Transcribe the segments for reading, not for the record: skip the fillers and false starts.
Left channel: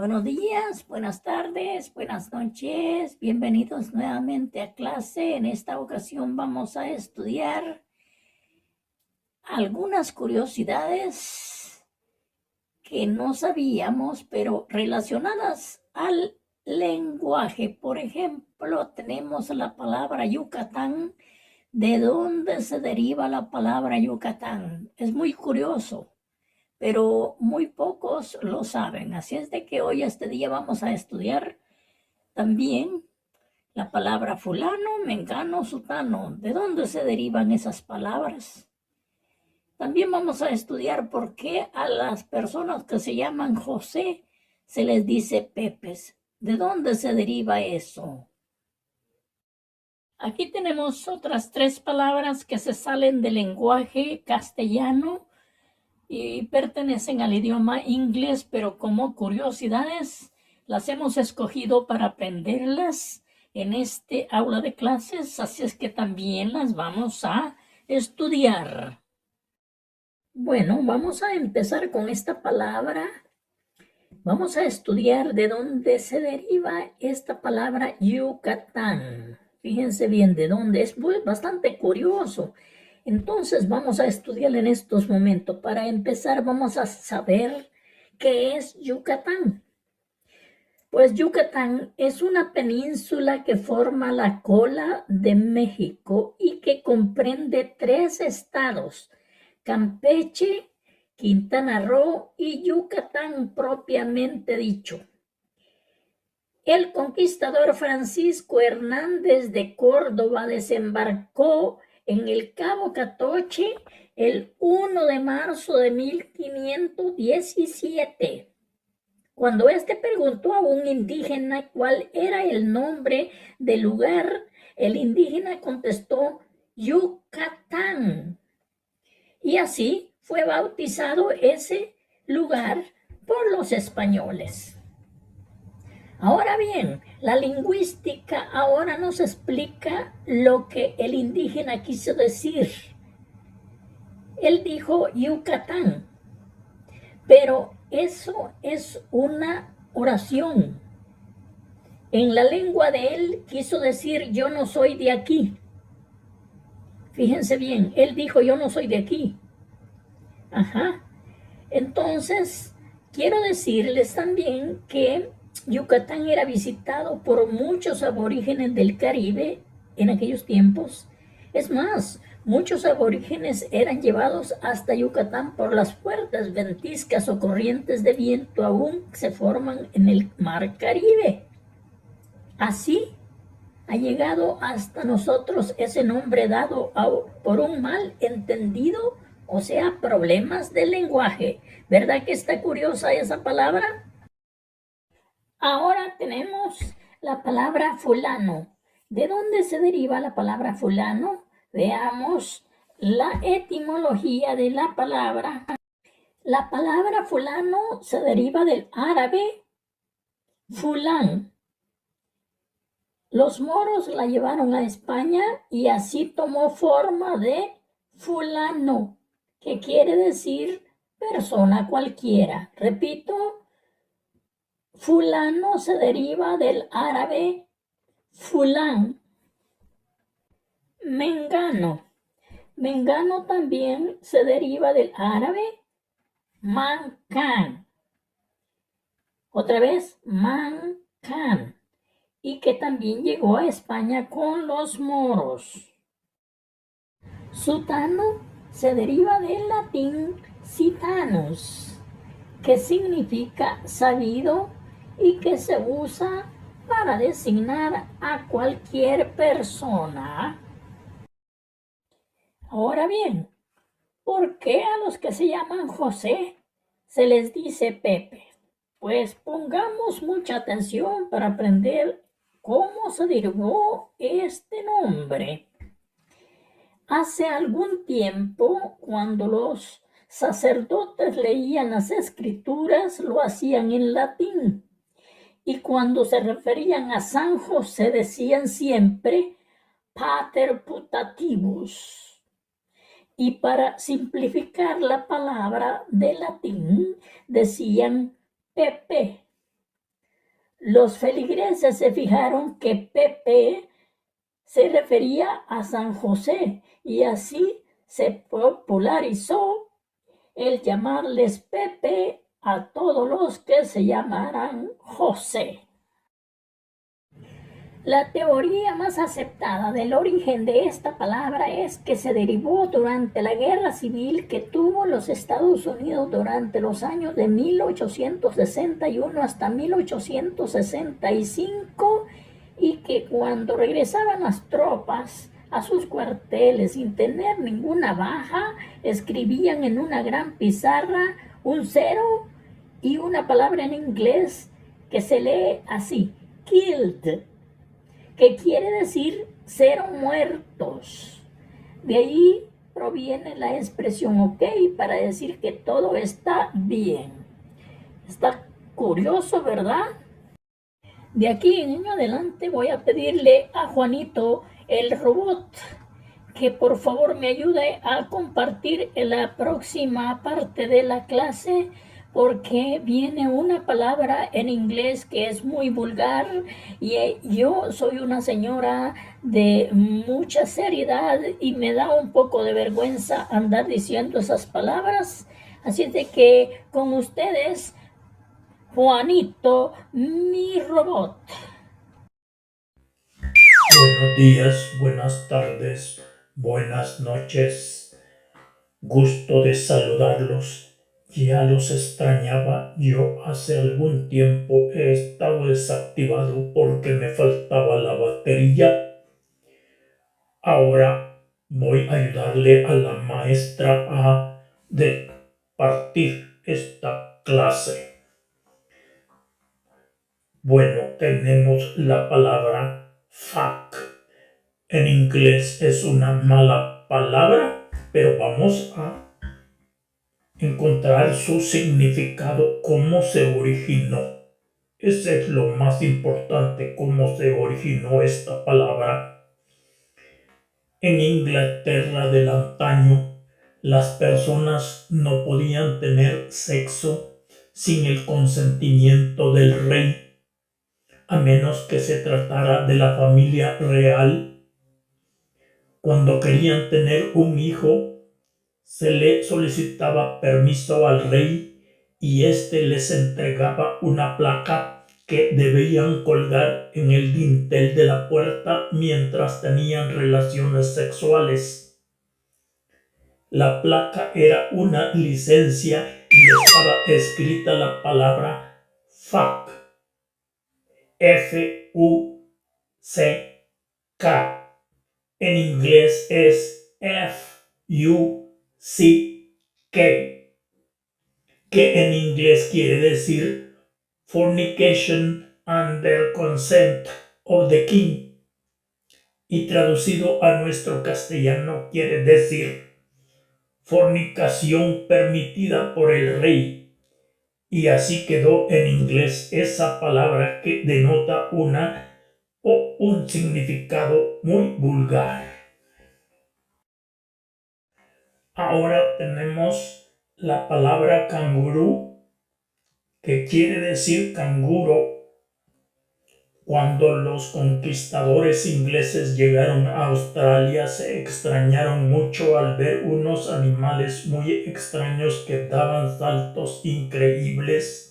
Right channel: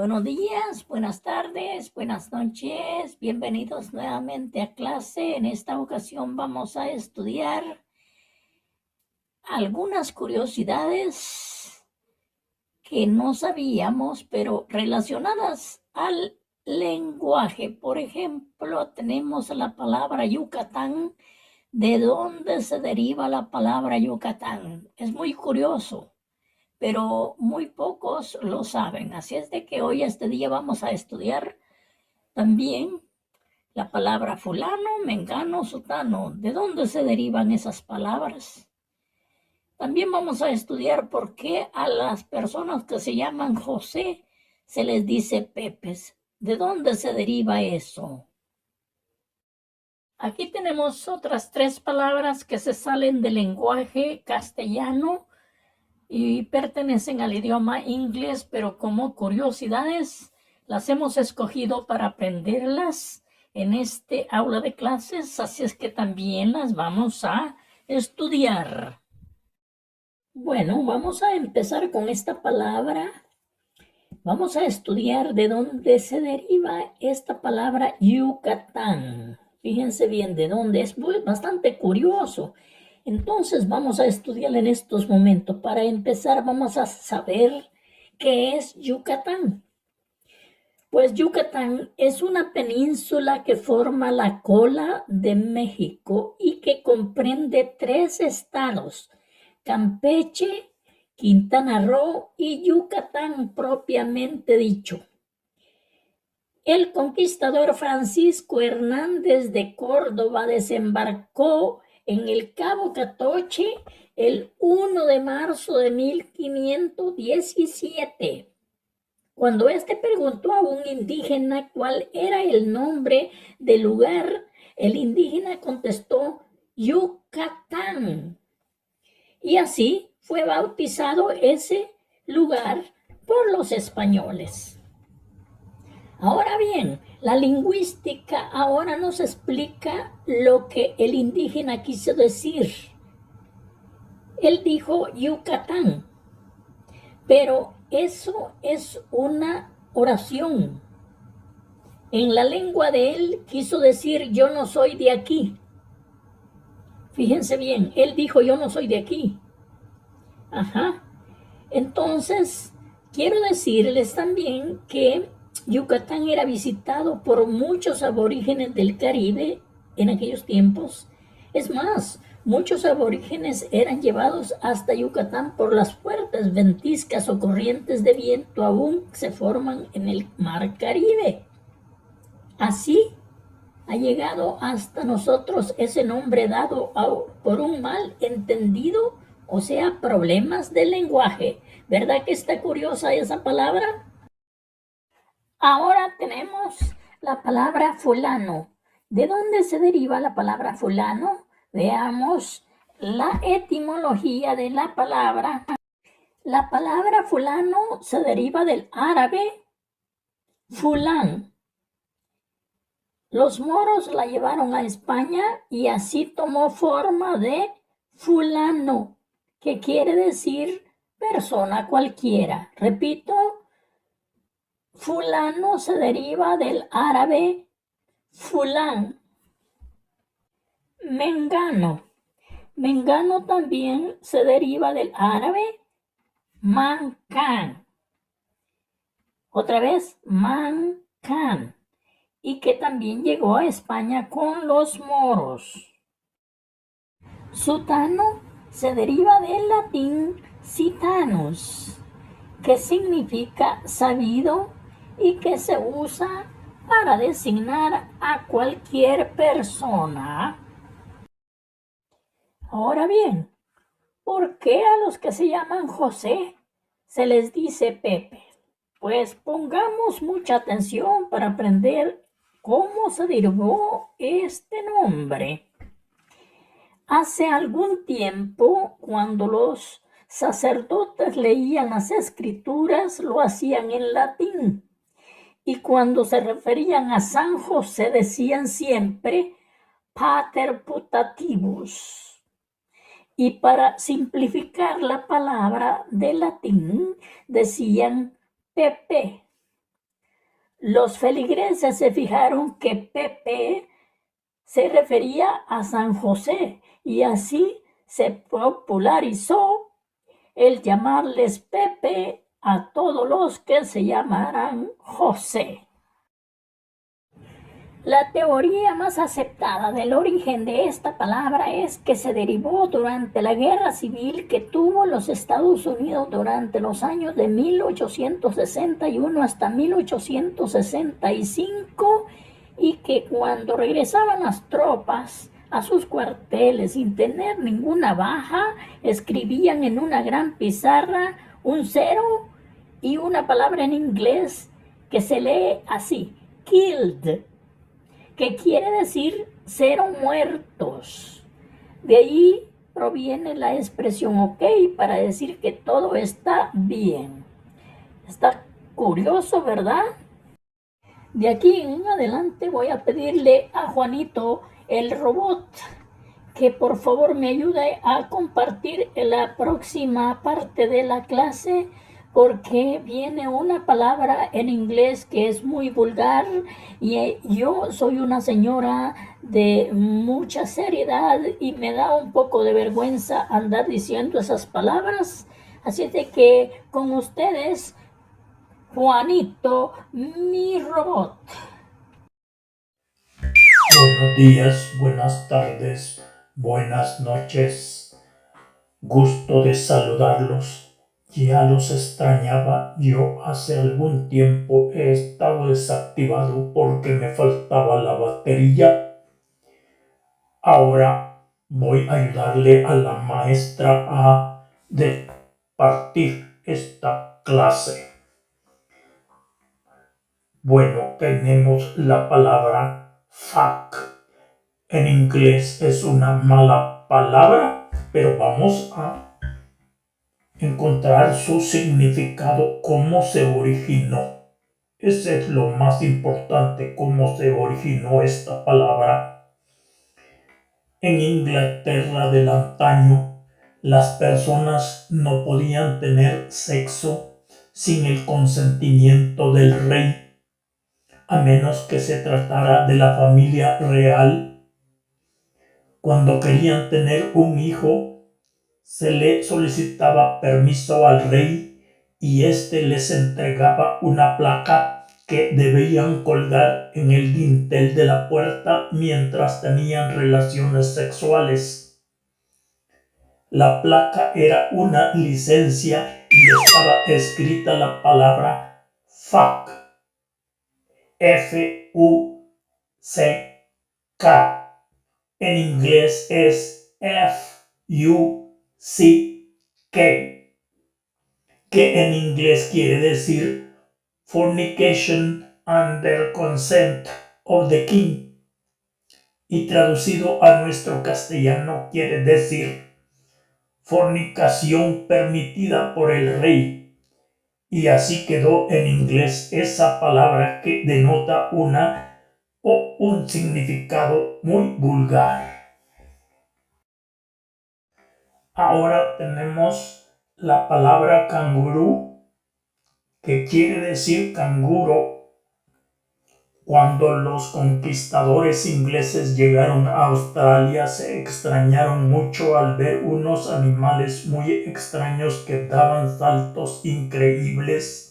Buenos días, buenas tardes, buenas noches. Bienvenidos nuevamente a clase. En esta ocasión vamos a estudiar algunas curiosidades que no sabíamos, pero relacionadas al lenguaje. Por ejemplo, tenemos la palabra Yucatán. ¿De dónde se deriva la palabra Yucatán? Es muy curioso, pero muy pocos lo saben. Así es de que hoy, este día, vamos a estudiar también la palabra fulano, mengano, sutano. ¿De dónde se derivan esas palabras? También vamos a estudiar por qué a las personas que se llaman José se les dice Pepes. ¿De dónde se deriva eso? Aquí tenemos otras tres palabras que se salen del lenguaje castellano y pertenecen al idioma inglés, pero como curiosidades las hemos escogido para aprenderlas en este aula de clases, así es que también las vamos a estudiar. Bueno, vamos a empezar con esta palabra. Vamos a estudiar de dónde se deriva esta palabra Yucatán. Fíjense bien de dónde es bastante curioso. Entonces vamos a estudiar en estos momentos. Para empezar vamos a saber qué es Yucatán. Pues Yucatán es una península que forma la cola de México y que comprende 3 estados: Campeche, Quintana Roo y Yucatán propiamente dicho. El conquistador Francisco Hernández de Córdoba desembarcó en el Cabo Catoche el 1 de marzo de 1517. Cuando éste preguntó a un indígena cuál era el nombre del lugar, el indígena contestó Yucatán. Y así fue bautizado ese lugar por los españoles. Ahora bien, la lingüística ahora nos explica lo que el indígena quiso decir. Él dijo Yucatán, pero eso es una oración. En la lengua de él quiso decir yo no soy de aquí. Fíjense bien, él dijo yo no soy de aquí. Ajá. Entonces, quiero decirles también que Yucatán era visitado por muchos aborígenes del Caribe en aquellos tiempos. Es más, muchos aborígenes eran llevados hasta Yucatán por las fuertes ventiscas o corrientes de viento aún se forman en el mar Caribe. Así ha llegado hasta nosotros ese nombre dado por un mal entendido, o sea, problemas de lenguaje. ¿Verdad que está curiosa esa palabra? Ahora tenemos la palabra fulano. ¿De dónde se deriva la palabra fulano? Veamos la etimología de la palabra. La palabra fulano se deriva del árabe fulán. Los moros la llevaron a España y así tomó forma de fulano, que quiere decir persona cualquiera. Repito, fulano se deriva del árabe fulán. Mengano. Mengano también se deriva del árabe mancan. Otra vez, mancan. Y que también llegó a España con los moros. Sutano se deriva del latín citanus, que significa sabido y que se usa para designar a cualquier persona. Ahora bien, ¿por qué a los que se llaman José se les dice Pepe? Pues pongamos mucha atención para aprender cómo se derivó este nombre. Hace algún tiempo, cuando los sacerdotes leían las escrituras, lo hacían en latín. Y cuando se referían a San José, decían siempre Pater Putativus. Y para simplificar la palabra de latín, decían Pepe. Los feligreses se fijaron que Pepe se refería a San José y así se popularizó el llamarles Pepe a todos los que se llamaran José. La teoría más aceptada del origen de esta palabra es que se derivó durante la guerra civil que tuvo los Estados Unidos durante los años de 1861 hasta 1865 y que cuando regresaban las tropas a sus cuarteles sin tener ninguna baja, escribían en una gran pizarra un cero y una palabra en inglés que se lee así, killed, que quiere decir cero muertos. De ahí proviene la expresión ok para decir que todo está bien. Está curioso, ¿verdad? De aquí en adelante voy a pedirle a Juanito el robot que por favor me ayude a compartir en la próxima parte de la clase porque viene una palabra en inglés que es muy vulgar y yo soy una señora de mucha seriedad y me da un poco de vergüenza andar diciendo esas palabras. Así de que con ustedes, Juanito, mi robot. Buenos días, buenas tardes, buenas noches. Gusto de saludarlos. Ya los extrañaba. Yo hace algún tiempo he estado desactivado porque me faltaba la batería. Ahora voy a ayudarle a la maestra a partir esta clase. Bueno, tenemos la palabra fuck. En inglés es una mala palabra, pero vamos a encontrar su significado, cómo se originó. Ese es lo más importante, cómo se originó esta palabra. En Inglaterra del antaño, las personas no podían tener sexo sin el consentimiento del rey, a menos que se tratara de la familia real. Cuando querían tener un hijo, se le solicitaba permiso al rey y éste les entregaba una placa que debían colgar en el dintel de la puerta mientras tenían relaciones sexuales. La placa era una licencia y estaba escrita la palabra fuck, F-U-C-K. En inglés es F-U-C-K, que en inglés quiere decir Fornication under consent of the king, y traducido a nuestro castellano quiere decir fornicación permitida por el rey. Y así quedó en inglés esa palabra que denota un significado muy vulgar. Ahora tenemos la palabra canguro, que quiere decir canguro. Cuando los conquistadores ingleses llegaron a Australia, se extrañaron mucho al ver unos animales muy extraños que daban saltos increíbles.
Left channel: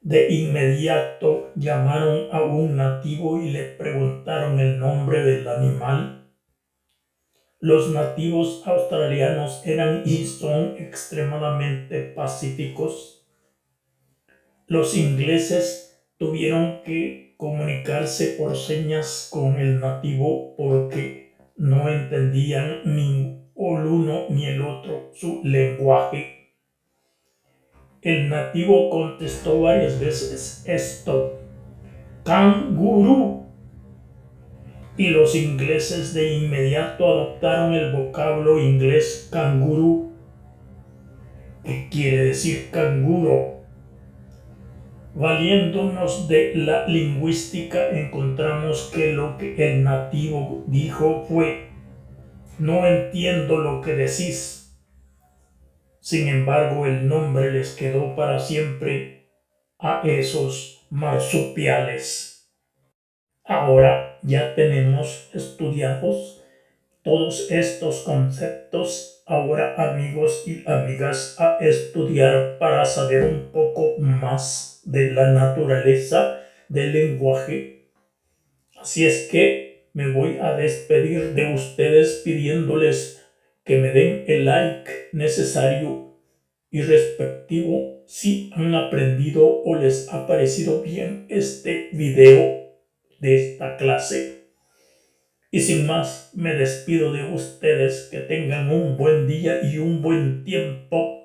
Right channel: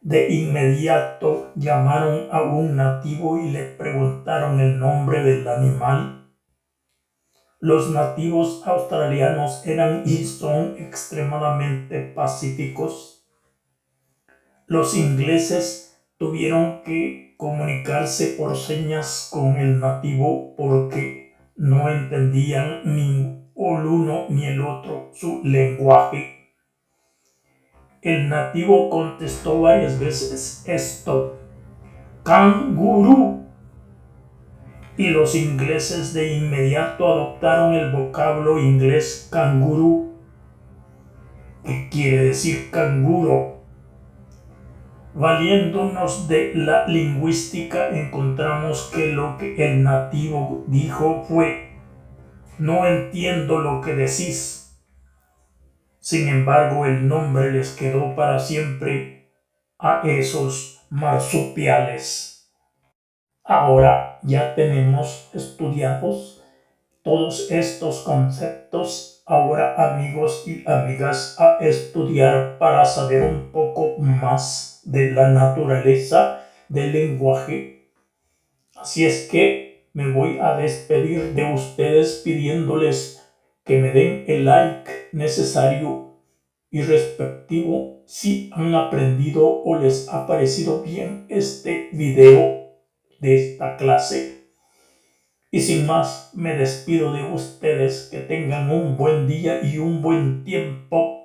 De inmediato llamaron a un nativo y le preguntaron el nombre del animal. Los nativos australianos eran y son extremadamente pacíficos. Los ingleses tuvieron que comunicarse por señas con el nativo porque no entendían ni el uno ni el otro su lenguaje. El nativo contestó varias veces esto: canguro. Y los ingleses de inmediato adoptaron el vocablo inglés canguro, que quiere decir canguro. Valiéndonos de la lingüística, encontramos que lo que el nativo dijo fue: no entiendo lo que decís. Sin embargo, el nombre les quedó para siempre a esos marsupiales. Ahora ya tenemos estudiados todos estos conceptos. Ahora, amigos y amigas, a estudiar para saber un poco más de la naturaleza del lenguaje. Así es que me voy a despedir de ustedes pidiéndoles que me den el like necesario y respectivo si han aprendido o les ha parecido bien este video de esta clase. Y sin más, me despido de ustedes. Que tengan un buen día y un buen tiempo.